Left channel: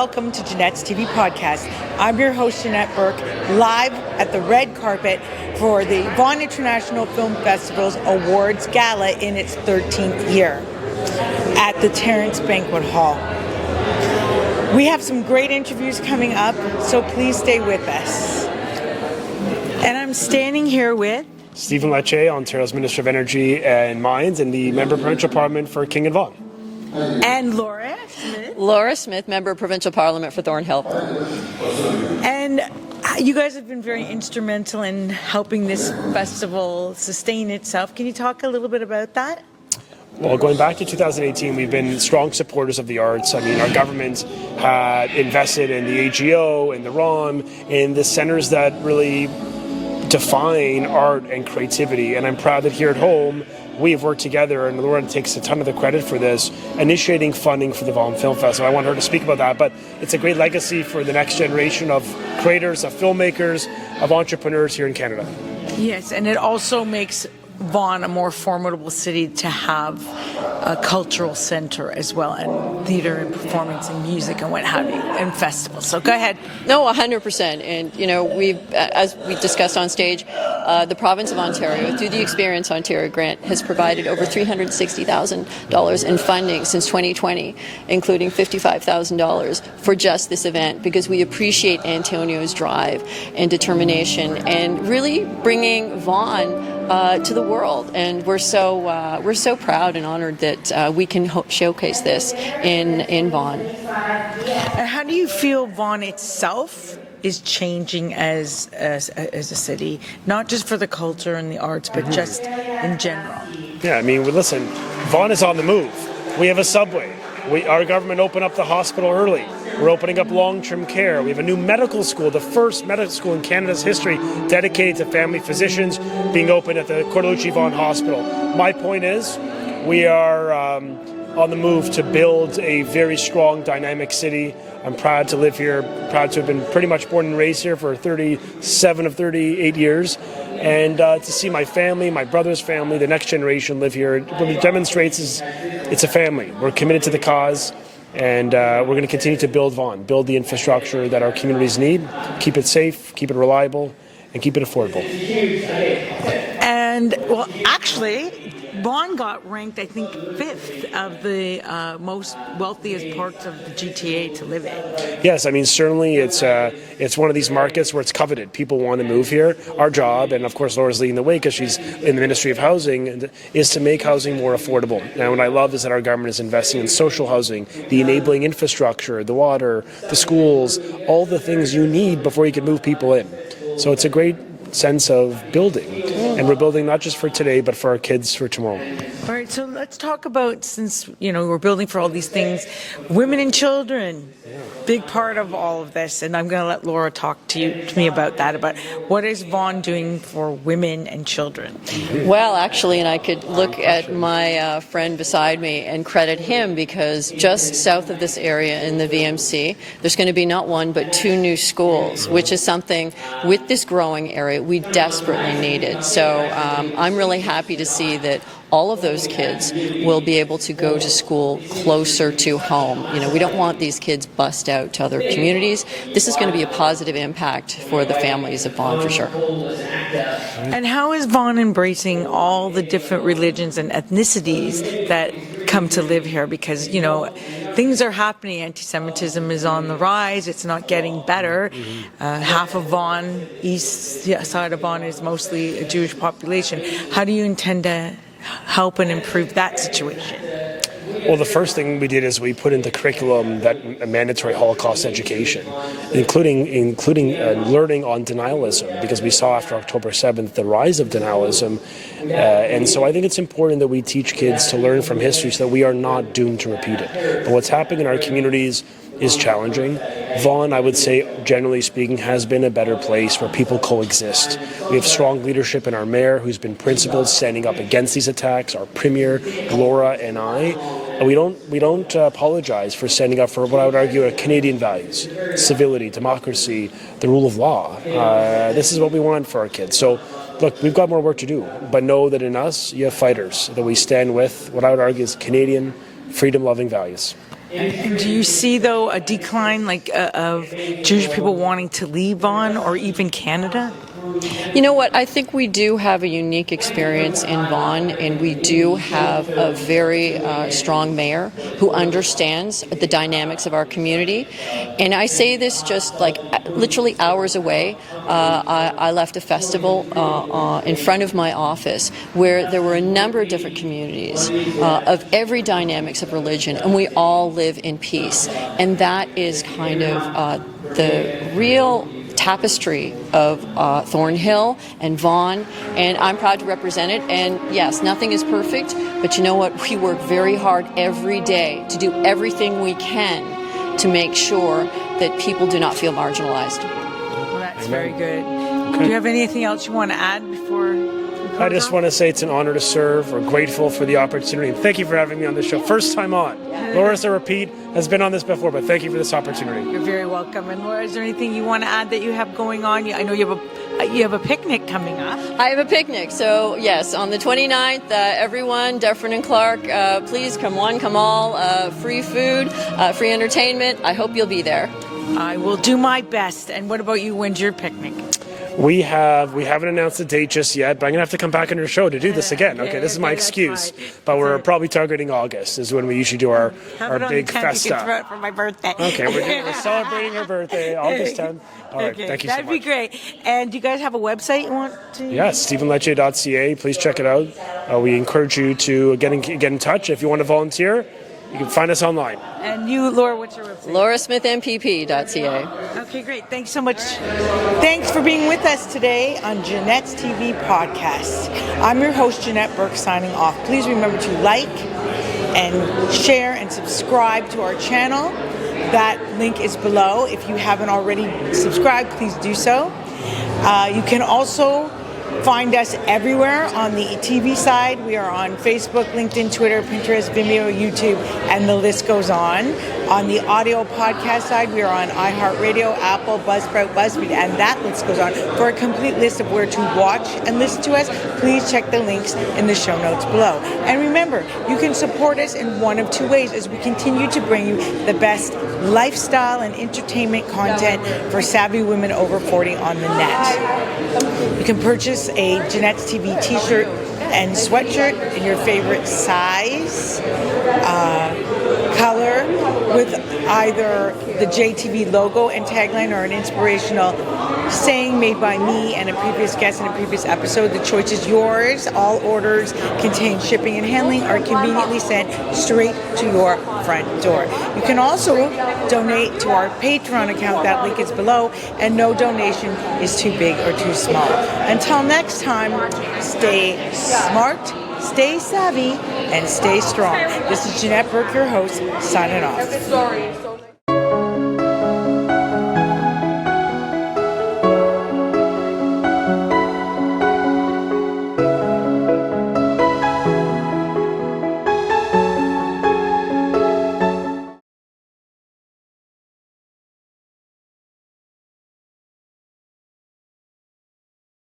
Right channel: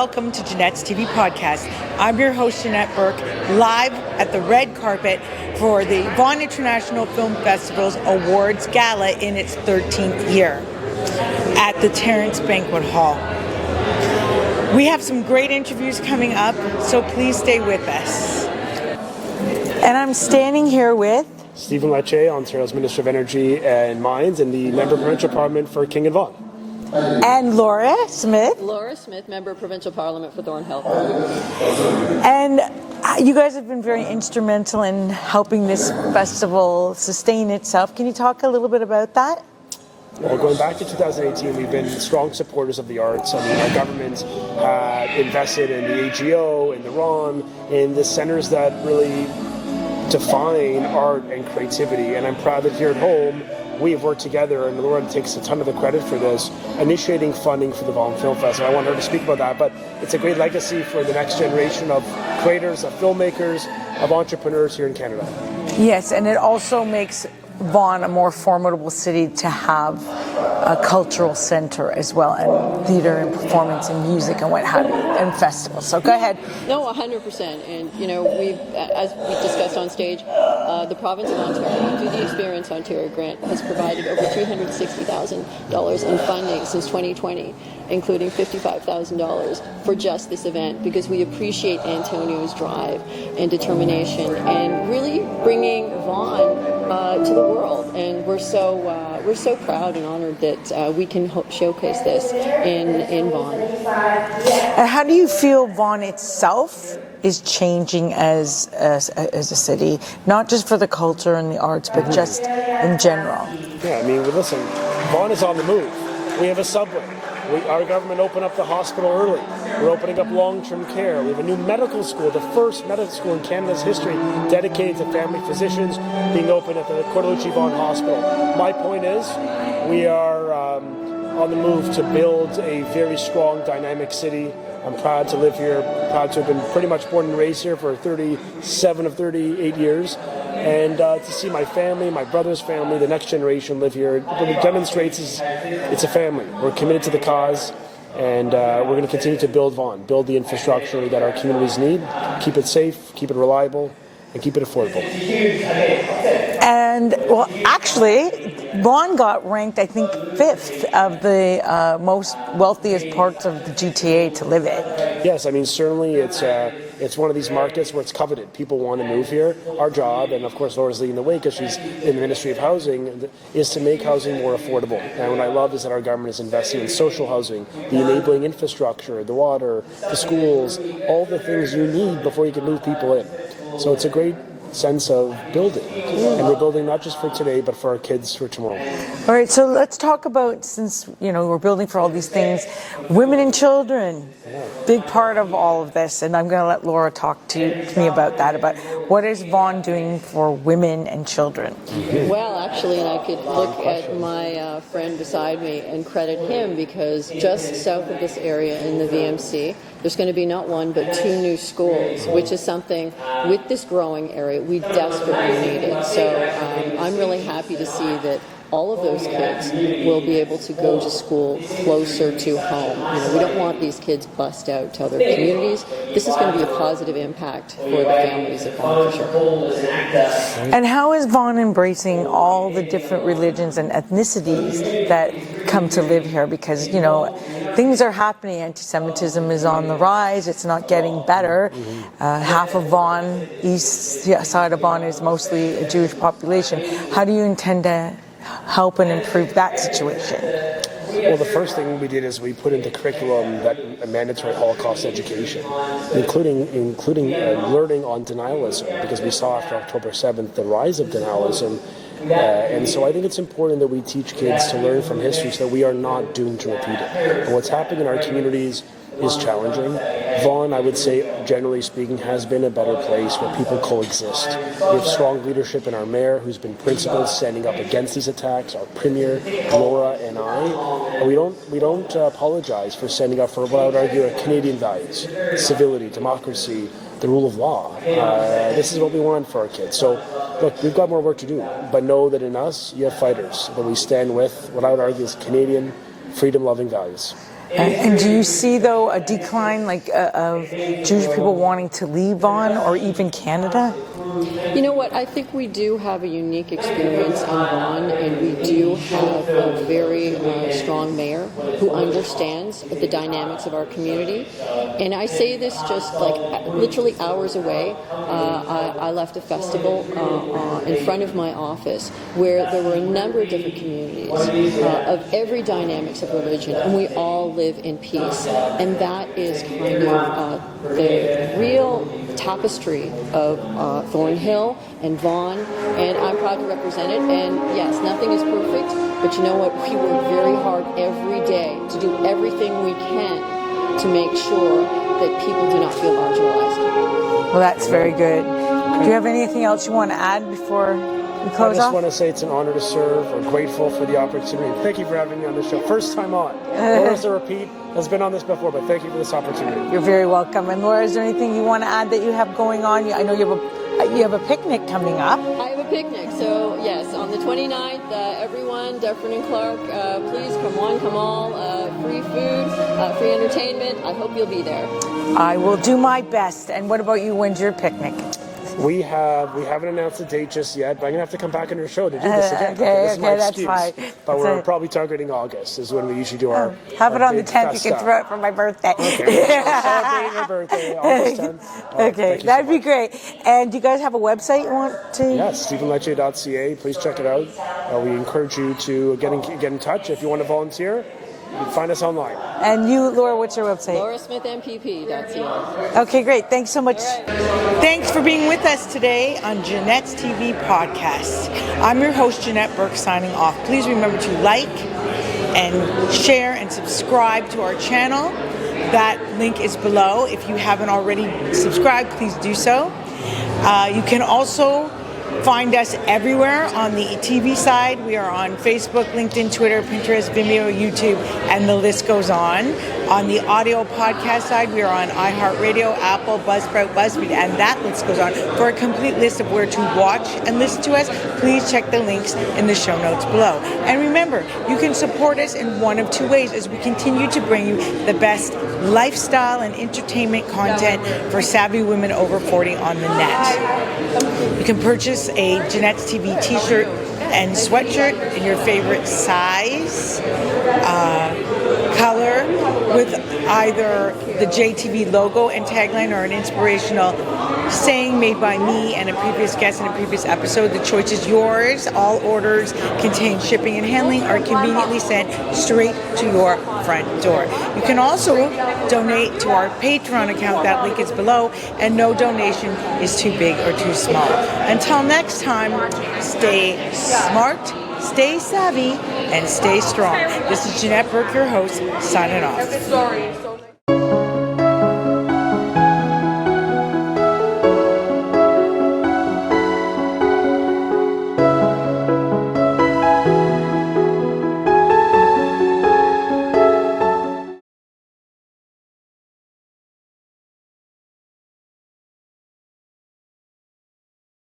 welcome to Janette's TV podcast. I'm your host, Janette Burke, live at the red carpet for the Vaughan International Film Festival's Awards Gala in its 13th year at the Terrace Banquet Hall. We have some great interviews coming up, so please stay with us. And I'm standing here with Stephen Lecce, Ontario's Minister of Energy and Mines and the Member of Provincial Parliament for King-Vaughan. And Laura Smith. Laura Smith, Member of Provincial Parliament for Thornhill. And you guys have been very instrumental in helping this festival sustain itself. Can you talk a little bit about that? Well, going back to 2018, we've been strong supporters of the arts. I mean, our government had invested in the AGO and the ROM, in the centers that really define art and creativity. And I'm proud that here at home, we have worked together, and Laura takes a ton of the credit for this, initiating funding for the Vaughan Film Festival. I want her to speak about that, but it's a great legacy for the next generation of creators, of filmmakers, of entrepreneurs here in Canada. Yes, and it also makes Vaughan a more formidable city to have a cultural center as well, and theater and performance and music and what have you, and festivals. So go ahead. No, 100%. And, you know, as we discussed on stage, the province of Ontario, through the Experience Ontario grant, has provided over $360,000 in funding since 2020, including $55,000 for just this event, because we appreciate Antonio's drive and determination and really bringing Vaughan to the world, and we're so proud and honored that we can showcase this in Vaughan. How do you feel Vaughan itself is changing as a city, not just for the culture and the arts, but just in general? Yeah, I mean, listen, Vaughan is on the move. We have a subway. Our government opened up the hospital early. We're opening up long-term care. We have a new medical school, the first medical school in Canada's history dedicated to family physicians, being opened at the Cordelucci Vaughan Hospital. My point is, we are on the move to build a very strong, dynamic city. I'm proud to live here, proud to have been pretty much born and raised here for 37 of 38 years. And to see my family, my brother's family, the next generation live here, what it demonstrates is it's a family. We're committed to the cause, and we're going to continue to build Vaughan, build the infrastructure that our communities need, keep it safe, keep it reliable, and keep it affordable. And, well, actually, Vaughan got ranked, I think, 5th of the most wealthiest parts of the GTA to live in. Yes, I mean, certainly it's one of these markets where it's coveted. People want to move here. Our job, and of course Laura's leading the way because she's in the Ministry of Housing, is to make housing more affordable. And what I love is that our government is investing in social housing, the enabling infrastructure, the water, the schools, all the things you need before you can move people in. So it's a great sense of building, and we're building not just for today but for our kids for tomorrow. All right, so let's talk about, since we're building for all these things, women and children, big part of all of this, and I'm going to let Laura talk to me about that, about what is Vaughan doing for women and children. Well, actually, and I could look at my friend beside me and credit him, because just south of this area in the VMC, there's going to be not one but 2 new schools, which is something with this growing area we desperately needed. So I'm really happy to see that all of those kids will be able to go to school closer to home. We don't want these kids bussed out to other communities. This is going to be a positive impact for the families of Vaughan, for sure. And how is Vaughan embracing all the different religions and ethnicities that come to live here? Because, things are happening. Anti-Semitism is on the rise. It's not getting better. Half of Vaughan, east side of Vaughan, is mostly a Jewish population. How do you intend to help and improve that situation? Well, the first thing we did is we put into curriculum that mandatory Holocaust education, including learning on denialism, because we saw after October 7th the rise of denialism. And so I think it's important that we teach kids to learn from history so that we are not doomed to repeat it. But what's happening in our communities is challenging. Vaughan, I would say, generally speaking, has been a better place where people coexist. We have strong leadership in our mayor, who's been principled, standing up against these attacks, our premier, Laura, and I. And we don't apologize for standing up for what I would argue are Canadian values: civility, democracy, the rule of law. This is what we want for our kids. So, look, we've got more work to do, but know that in us, you have fighters that we stand with, what I would argue is Canadian freedom-loving values. And do you see, though, a decline of Jewish people wanting to leave Vaughan or even Canada? You know what? I think we do have a unique experience in Vaughan, and we do have a very strong mayor who understands the dynamics of our community. And I say this just like literally hours away. I left a festival in front of my office where there were a number of different communities of every dynamics of religion, and we all live in peace. And that is kind of the real tapestry of Thornhill and Vaughan, and I'm proud to represent it. And yes, nothing is perfect, but you know what? We work very hard every day to do everything we can to make sure that people do not feel marginalized. Well, that's very good. Do you have anything else you want to add before we close I just off? want to say it's an honor to serve. We're grateful for the opportunity. Thank you for having me on the show. First time on. Larissa Repeat has been on this before, but thank you for this opportunity. You're very welcome. And Laura, is there anything you want to add that you have going on? I know you have a picnic coming up. I have a picnic, so yes, on the 29th, everyone, Dufferin and Clark, please come one, come all, free food, free entertainment. I hope you'll be there. I will do my best. And what about you? When's your picnic? We haven't announced the date just yet, but I'm gonna have to come back on your show to do this again. Okay, this is my excuse. But we're probably targeting August is when we usually do our Have it our on the big 10th. festa. You can throw it for my birthday. Okay, we're celebrating your birthday, August 10th. All right, Okay, thank you so that'd be much. great. And do you guys have a website you want to? Yes, StephenLecce.ca. Please check it out. We encourage you to get in touch if you want to volunteer. You can find us online. And you, Laura, what's your website? LauraSmithMPP.ca. Okay, great. Thanks so much. Thanks for being with us today on Janette's TV podcast. I'm your host, Janette Burke, signing off. Please remember to like and share and subscribe to our channel. That link is below. If you haven't already subscribed, please do so. You can also find us everywhere on the TV side. We are on Facebook, LinkedIn, Twitter, Pinterest, Vimeo, YouTube, and the list goes on. On the audio podcast side, we are on iHeartRadio, Apple, Buzzsprout, BuzzFeed, and that list goes on. For a complete list of where to watch and listen to us, please check the links in the show notes below. And remember, you can support us in one of two ways as we continue to bring you the best lifestyle and entertainment content for savvy women over 40 on the net. You can purchase a Janette's TV t-shirt and sweatshirt in your favorite size, color, with either the JTV logo and tagline or an inspirational saying made by me and a previous guest in a previous episode. The choice is yours. All orders contain shipping and handling are conveniently sent straight to your front door. You can also donate to our Patreon account. That link is below, and no donation is too big or too small. Until next time, stay smart, stay savvy, and stay strong. This is Janette Burke, your host, signing off.